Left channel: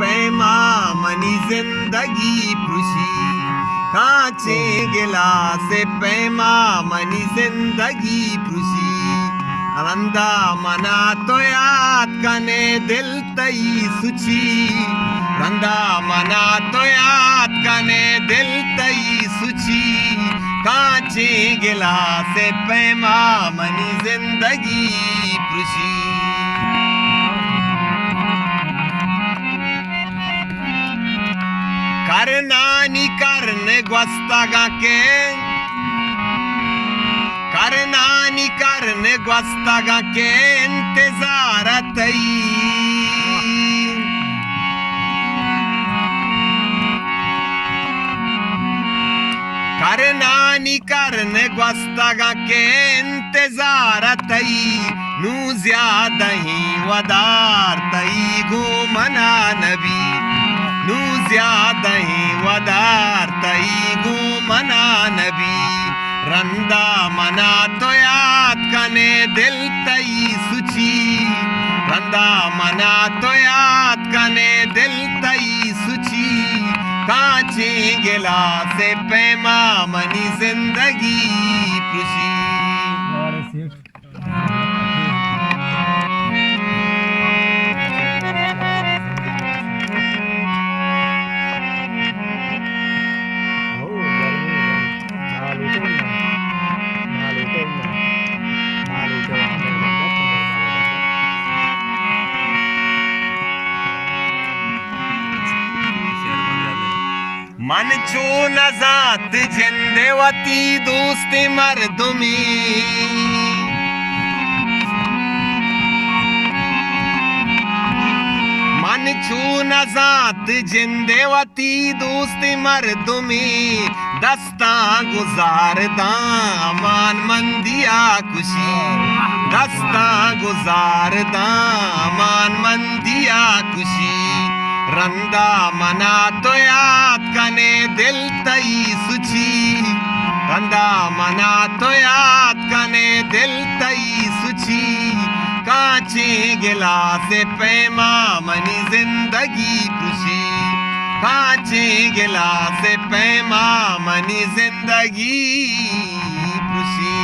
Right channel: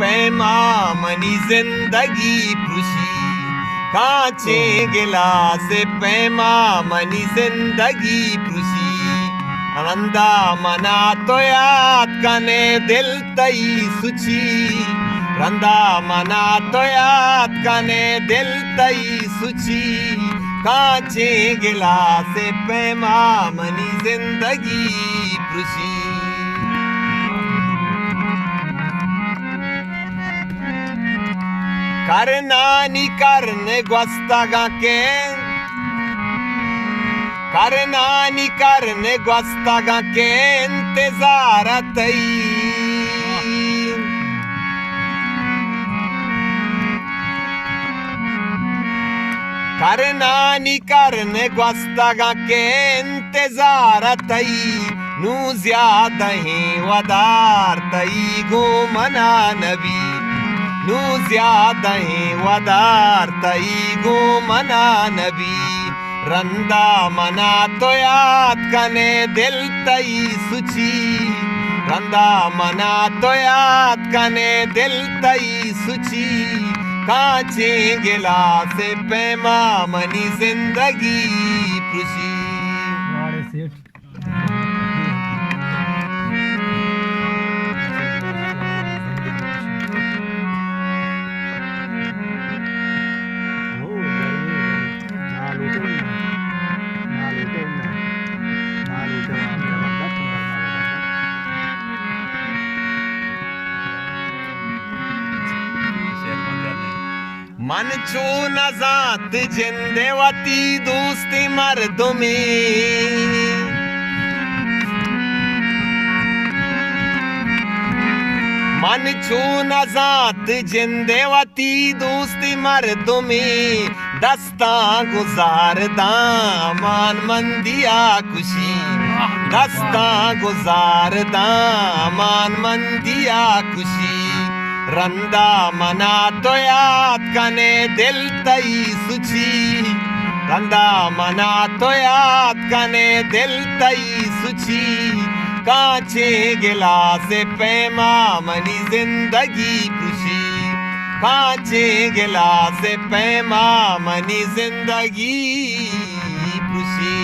पैमा money जिंदगी खुशी कांचे गिलास पैमा मनी जिंदगी खुशी रंदा मना तो याद कने दिल तई सुची रंदा मना तो याद कने दिल तई सुची कांचे गिलास पैमा मनी जिंदगी खुशी करनानी करने ग्वस्तागा के करनानी करने ग्वस्तागा के इंतजार तई करनानी करने ग्वस्तागा के इंतजार तई नू ज्यादा ही वदार तई गो मना नबी नू ज्यादा ही वदार तई गो मना नबी रंदा मना तो याद कने दिल तई सुची रंदा मना तो याद कने दिल तई सुची कांचे गिलास पैमा मनी जिंदगी खुशी मन चू नजात जिंदेवती दोस्ती मर्दुमी मन चू नजात जिंदेवती दोस्ती मर्दुमी दस्ता गुजारदा अमान मंदिया खुशी दस्ता गुजारदा अमान मंदिया खुशी रंदा मना तो याद कने दिल तई सुची रंदा मना तो याद कने दिल तई सुची कांचे गिलास पैमा मनी जिंदगी खुशी कांचे गिलास पैमा मनी जिंदगी खुशी